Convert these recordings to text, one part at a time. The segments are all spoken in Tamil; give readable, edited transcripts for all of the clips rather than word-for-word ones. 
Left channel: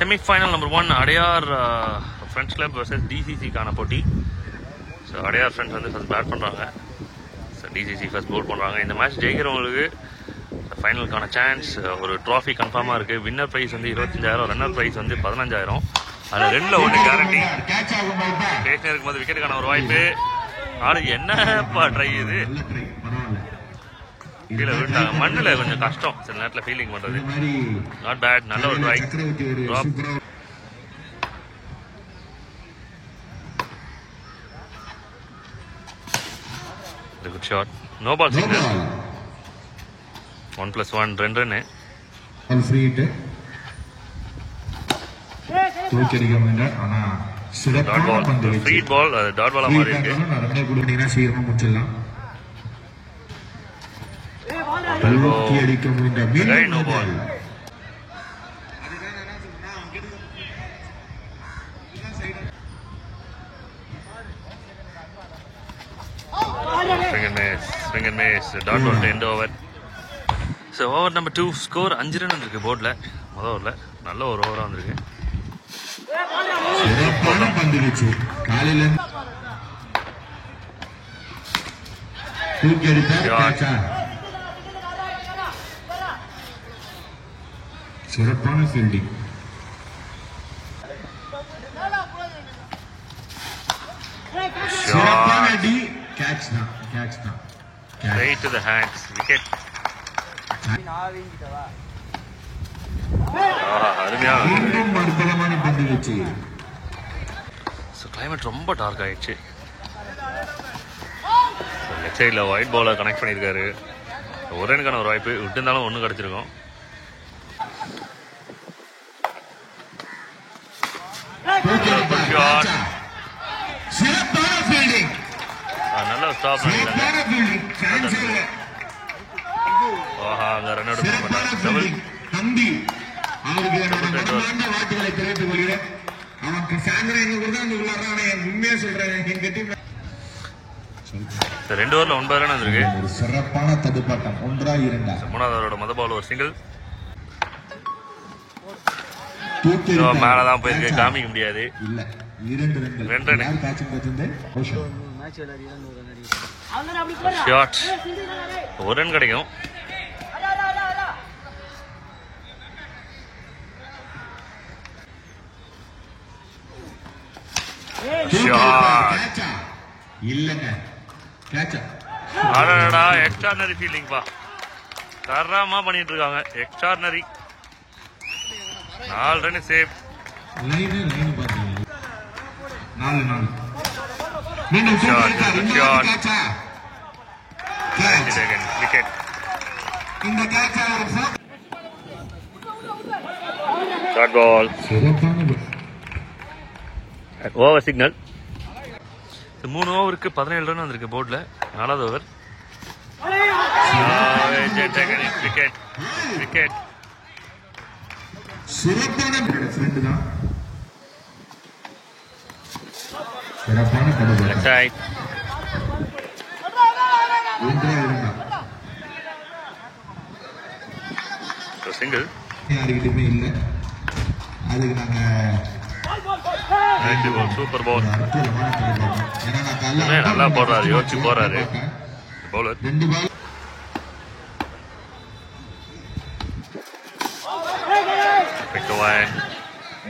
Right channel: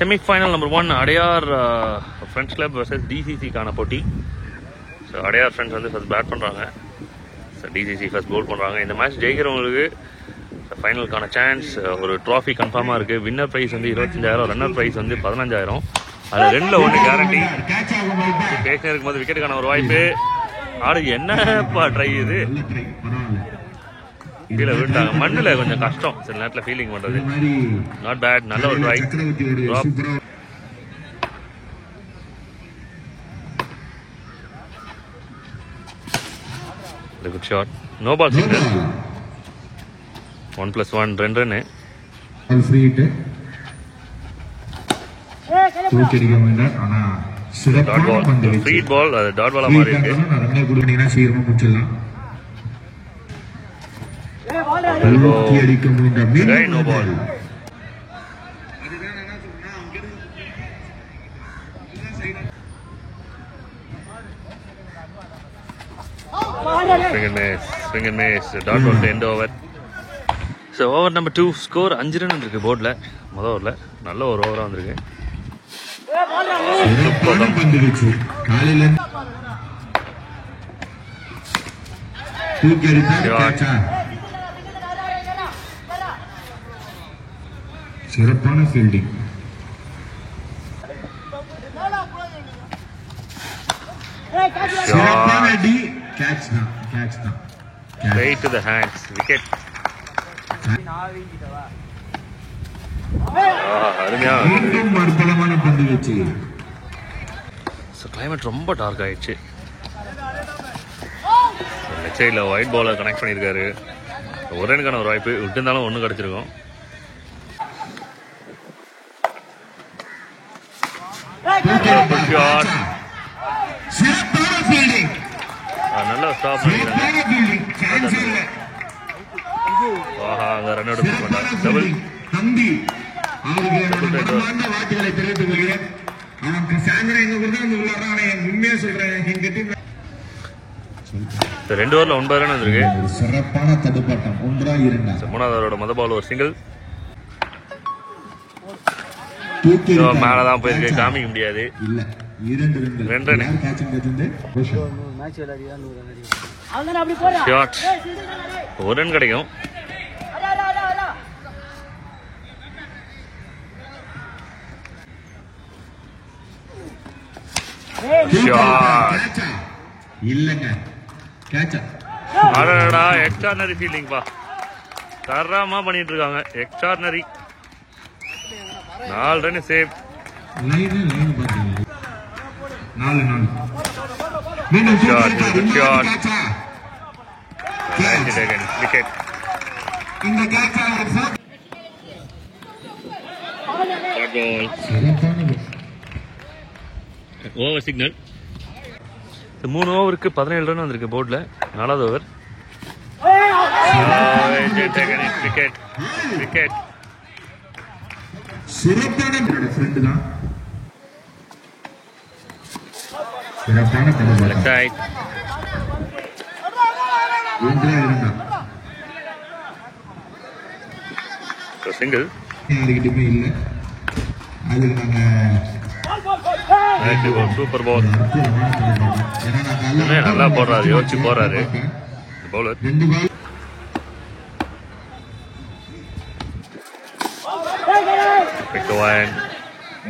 Semi-final number 1 Adyar friends club versus டிசிசிக்கான போட்டி. ஸோ அடையார் ஃப்ரெண்ட்ஸ் வந்து ஃபர்ஸ்ட் பேட் பண்ணுறாங்க, ஸோ டிசிசி ஃபர்ஸ்ட் போல் பண்ணுறாங்க. இந்த மேட்ச் ஜெயிக்கிறவங்களுக்கு ஃபைனலுக்கான சான்ஸ், ஒரு ட்ராஃபி கன்ஃபார்மாக இருக்குது. வின்னர் ப்ரைஸ் வந்து 25,000, ரன்னர் ப்ரைஸ் வந்து 15,000. அதில் 2ல் 1 கேரண்டி. பேசினே இருக்கும்போது விக்கெட்டுக்கான ஒரு வாய்ப்பு. ஆடு என்னப்பா ட்ரை இது, கீழே விட்டாங்க. மண்ணில் கொஞ்சம் கஷ்டம் சில நேரத்தில் ஃபீலிங் பண்ணுறது. நாட் பேட், நல்ல ஒரு try. Good shot. No ball signal. 1+1 2 ரன்னு. ஃப்ரீ பால், டாட் பாலா மாதிரி இருக்கு. No ball. Swing and miss. Dot ball to end over. So over number 2, score 5 run இருக்கு போர்ட்ல. முதல் ஓவர்ல நல்ல ஒரு ஓவரா வந்திருக்கு. சிறப்பான fielding. Straight to the hands. Wicket. அற்புதமான பந்து வீச்சு. கிளைமேட் ரொம்ப டார்க் ஆயிடுச்சு. லெஃப்ட் சைடில் ஒயிட் பாலர் கனெக்ட் பண்ணியிருக்காரு. ஒரு ரனுக்கான ஒரு வாய்ப்பு விட்டுருந்தாலும் 1 கிடைச்சிருக்கும். நல்ல ஸ்டாப் பண்ணிக்கிறாங்க. ஆஹா, அங்க ரன் அவுட் மிஸ் பண்ணாங்க. டபுள். ரெண்டு ஓவர்ல 9 ரன் இருக்கு. சிறப்பான தடுப்பாட்டம். 1-2. 3வது ஓவரோட முதல் பால் ஒரு சிங்கிள். மேலதான் போயிருக்கு, காமிக்க முடியாது. 2 ரன். ஷாட். 1 ரன் கிடைக்கும். அடடா, எக்ஸ்ட்ரானரி ஃபீல்டிங் பா, தரமா பண்ணிட்டு இருக்காங்க. Extraordinary. 4 run save. Good shot. 90 seconds. Wicket. Short ball. Over signal. 3 ஓவருக்கு 17 ரன் வந்திருக்கு போர்ட்ல. 4வது ஓவர். விக்கெட். விக்கெட். சிறப்பான ஃப்ரெண்ட் தான். சிறப்பான தடுப்பு. ரைட். சிங்கிள். யாருக்கிட்டமே இல்ல. அதுக்கு நாங்க சூப்பர் பால். நல்லா போடுறாரு, யோசிச்சு போறாரு பவுலர்.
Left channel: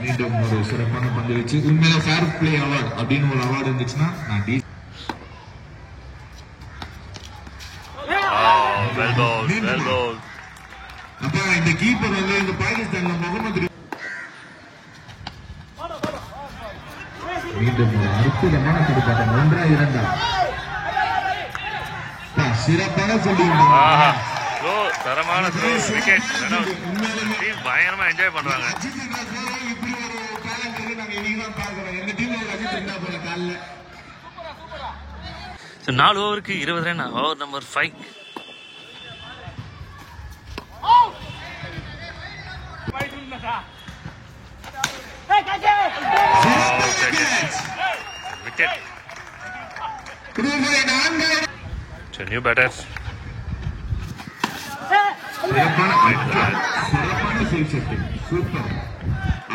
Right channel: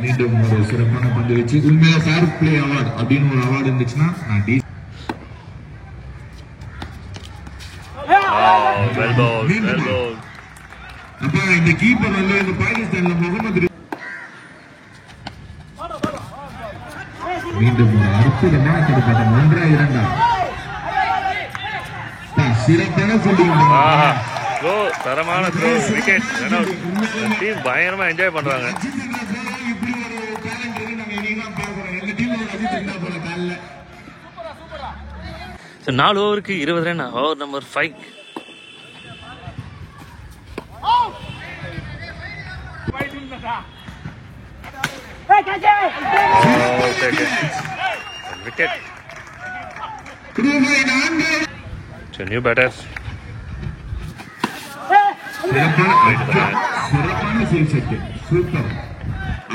மீண்டும் ஒரு சிறப்பான பந்து வச்சு உண்மையா ஃபேர் பிளே அவார்டு அப்படின்னு ஒரு அவார்டு இருந்துச்சுன்னா நான் அப்ப இந்த கீப்பர் வந்து இந்த பாகிஸ்தான்ல முகமது மீண்டும் ஒரு அற்புதமான தடுப்பாட்டம். 1-2. சிறப்பான ஃபீல்டிங். த்ரோ, தரமான throw. Wicket. Run out. Team பயங்கரமா என்ஜாய் பண்றாங்க. So 4 ஓவருக்கு 20 run. Over number 5. Wicket. So new batters. சிறப்பான சூப்பர்.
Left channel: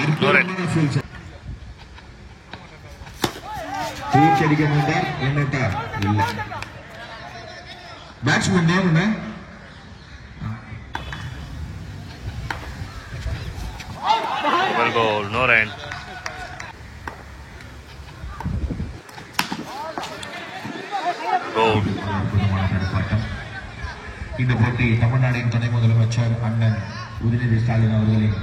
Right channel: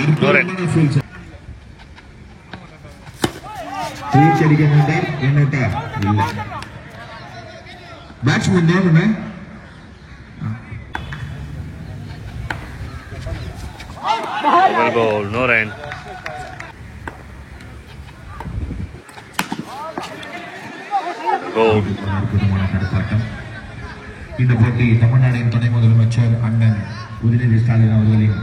அற்புதமான ஃபீல் ஷாட். ரீச் அடிக்க மாட்டார். என்னட்டா இல்ல பேட்ஸ்மேன் தான் Well goal, no run. Goal. இந்த போட்டி தமிழ்நாட்டின் துணை முதலமைச்சர் அண்ணன் உதயநிதி ஸ்டாலின் அவர்களின்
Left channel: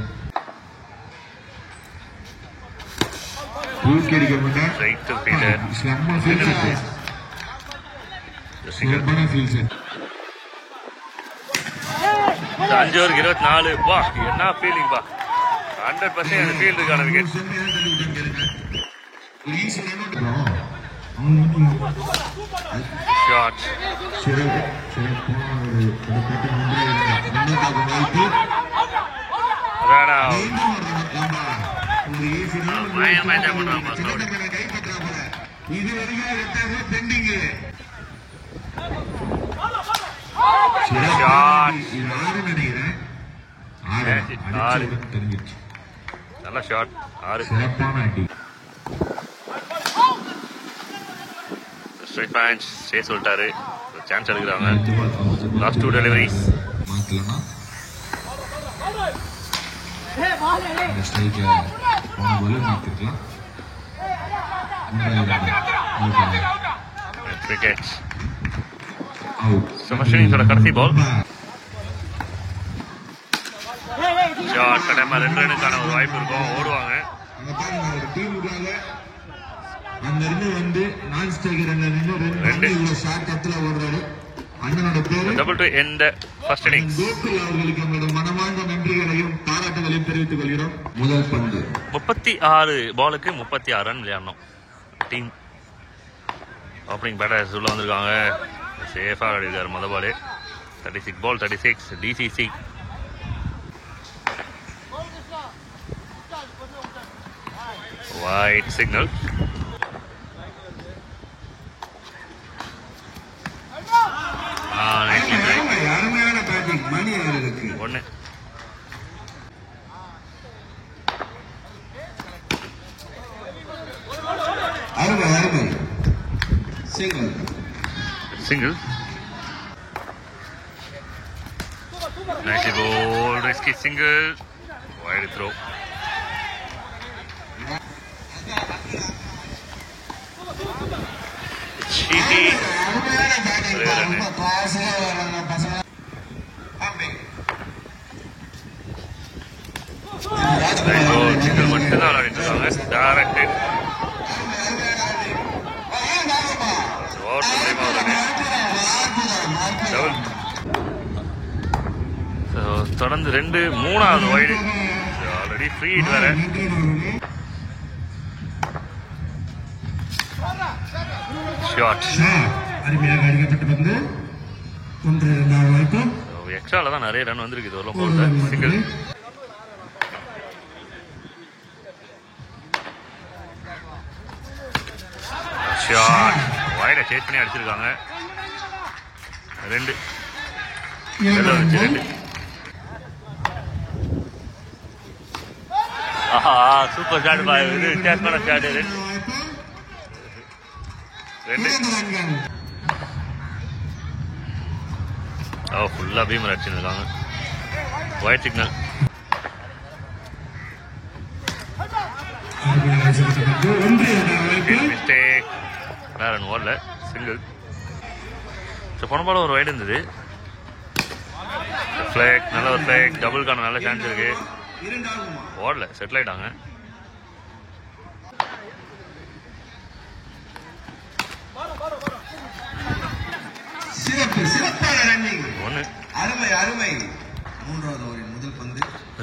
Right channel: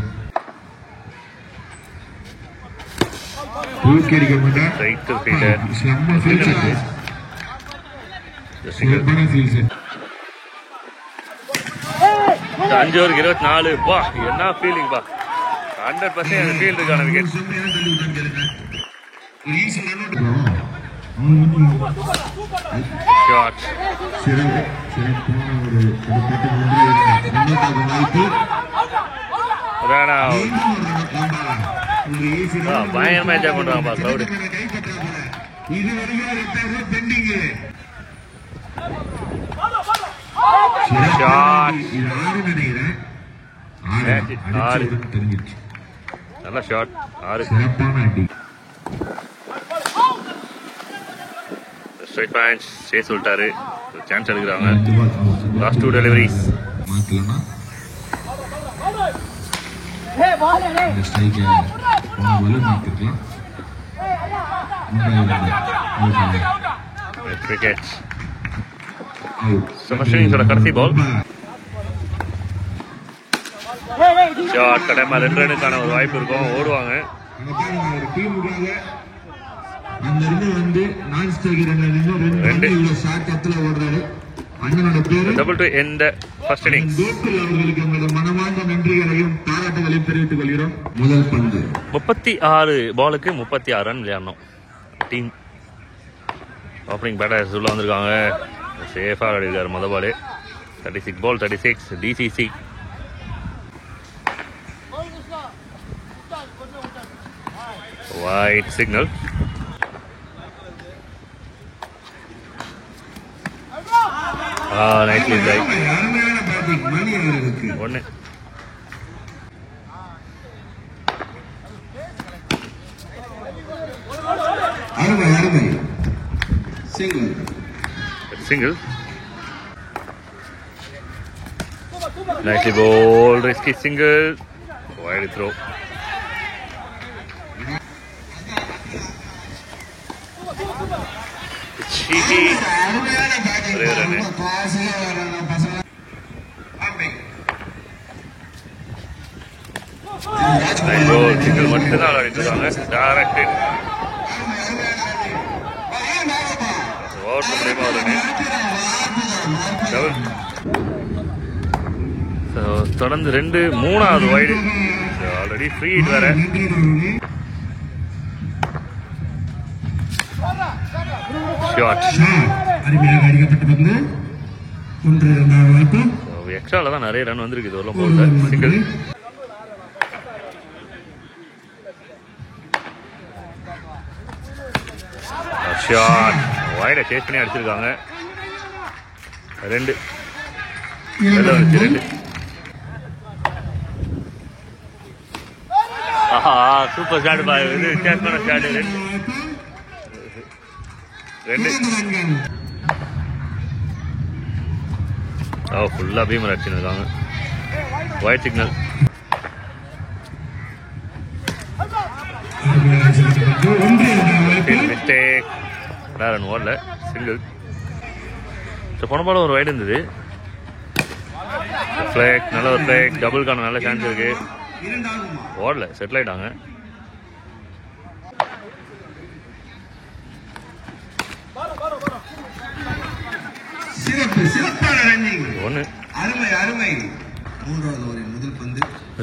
தூக்கி அடிக்க மாட்டார். Straight to fielder. அஞ்சு ஓவருக்கு 24. பா என்ன ஃபீலிங் பா. 100% அந்த ஃபீல் இருக்கான விக்கெட். ஷாட். Run out. பயங்கரமா என்ஜாய் பண்றாங்கப்பா கிரௌடு. ஷாட். நல்ல ஷாட். 6 ஸ்ட்ரைட் பேஞ்ச் சே சொல்லிட்டாரு. சான்ஸ் எடுக்கிறாங்க. Last 2 deliveries. விக்கெட். கடைசி பால். ஷாட். கடைமா 2 ரனுக்கான ஒரு வாய்ப்பு இருக்கும். ஓடுவாங்க. Double to end first innings. மனமார்ந்த நன்றிகளையும் பாராட்டுகளையும் தெரிவித்துக் கொள்கிறோம். முதல் பந்து 36 பாலுக்கு 36 ரன் விளையாடணும். டீம் ஓப்பனிங் பேட்டர்ஸ் உள்ள வந்திருக்காங்க. சேஃபா ஆடிருக்காரு முதல் பால். 36 பால் 36 டிசிசி. White signal. Nicely played. 1. Single. Nicely bowled. Risky single. Wide throw. Cheeky. Nice goal. Single மட்டும் தான் ஆடிட்டு டைரக்ட். ஓவர் மூலமா வருது. டபுள். தொடர்ந்து 2 3வது வைடு. ஆல்ரெடி ஃப்ரீ ஹிட் வேற. ஷாட். அருமையாக அடிக்கப்பட்ட பந்து. 1 2 வாய்ப்பு. எக்ஸ்ட்ரால தான் நிறைய ரன் வந்திருக்கு இது வரலாம் போல. சிங்கிள். ஷாட். வைட சேஸ் பண்ணி அடிச்சிருக்காங்க. 2 நல்லா வந்துச்சு. 2. ஆஹா சூப்பர் ஷாட் பா. இது வித்தியாசமான ஷாட். 2 ஃபுல்லா பீமர் அடிச்சுருக்காங்க. White signal. மிஸ்டேக். ரன் ஓடல. சிங்கிள். போன பால் ஒரு வைடு இருந்தது. ஃபிளாக். நல்ல ஒரு ஃபிளாக். டபுள்கான நல்ல சான்ஸ் இருக்கு. ஓடல. செட்டில் ஆயிட்டாங்க. ஒன்னு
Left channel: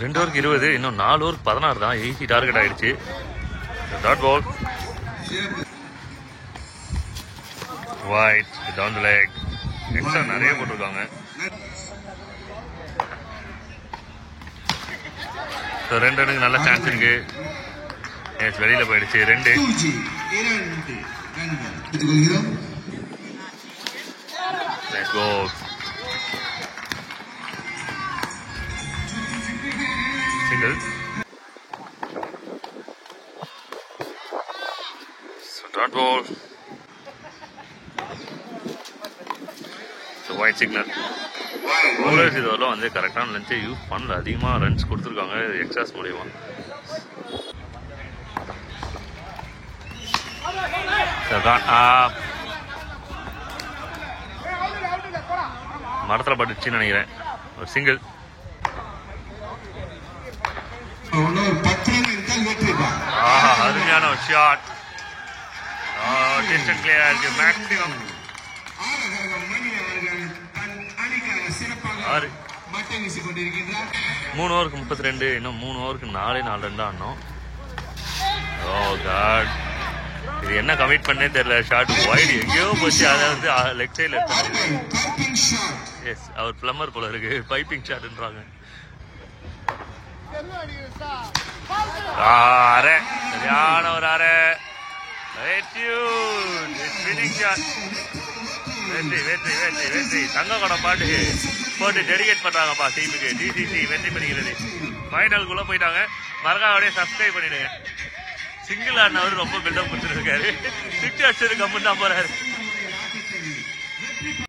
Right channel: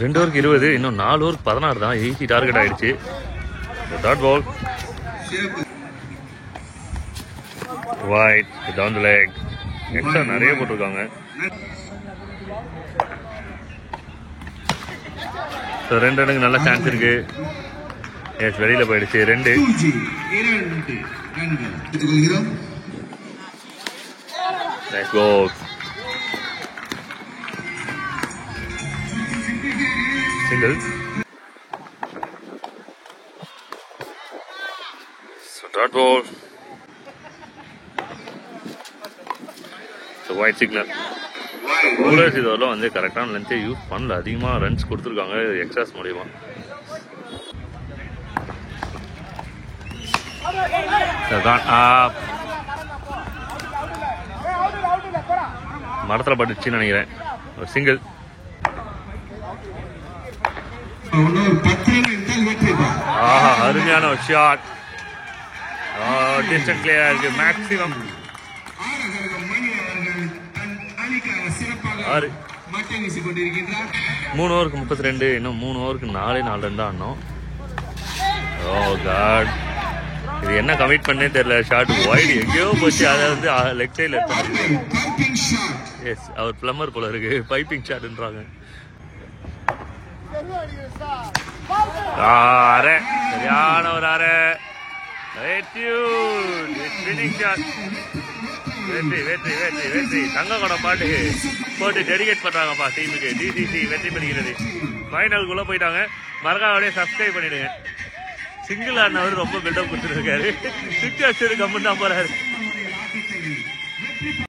2 ஓவருக்கு 20. இன்னும் 4 ஓவருக்கு 16 தான். ஈஸி டார்கெட் ஆயிடுச்சு. Dot ball. Wide down the leg. Extra நிறைய போட்டிருக்காங்க. 2 ரனுக்கு நல்ல சான்ஸ் இருக்கு. எஸ் வெளியில போயிடுச்சு. 2. Nice goal. Single. Dot ball. Wide signal. Bowlers இதெல்லாம் வந்து கரெக்டான லென்த்தை யூஸ் பண்ணல, அதிகமாக ரன்ஸ் கொடுத்துருக்காங்க எக்ஸாஸ் மூலியமா. மரத்தில் பட்டுச்சுன்னு நினைக்கிறேன். ஒரு சிங்கிள். ஆஹா, அருமையான ஒரு ஷாட். டிஸ்டன்ஸ் கிளியரா இருக்கு. மேக்ஸிமம் 6. 3 ஓவருக்கு 32. இன்னும் 3 ஓவருக்கு 4 ரன் தான் ஆடணும். ஓ காட், இது என்ன கமிட் பண்ணே தெரியல. ஷாட் வைடு எங்கேயோ போச்சு. அதை வந்து லெக் சைட்ல எடுத்து. எஸ், அவர் பிளம்பர் போல இருக்கு. பைப்பிங் ஷாட்ன்றாங்க. அரை, சரியான ஒரு அரை. வெற்றி வெற்றி வெற்றி வெற்றி. தங்க குடம் பாட்டு போட்டு டெடிகேட் பண்றாங்கப்பா டீமுக்கு. டிசிசி வெற்றி பெறுகிறது. ஃபைனலுக்குள்ள போயிட்டாங்க. மறக்காம சப்ஸ்கிரைப் பண்ணிடுங்க. சிங்கிள் ஆடினவர் ரொம்ப பில்டப் கொடுத்துருக்காரு. 6 அடிச்சது கம்மன் தான் போறாரு.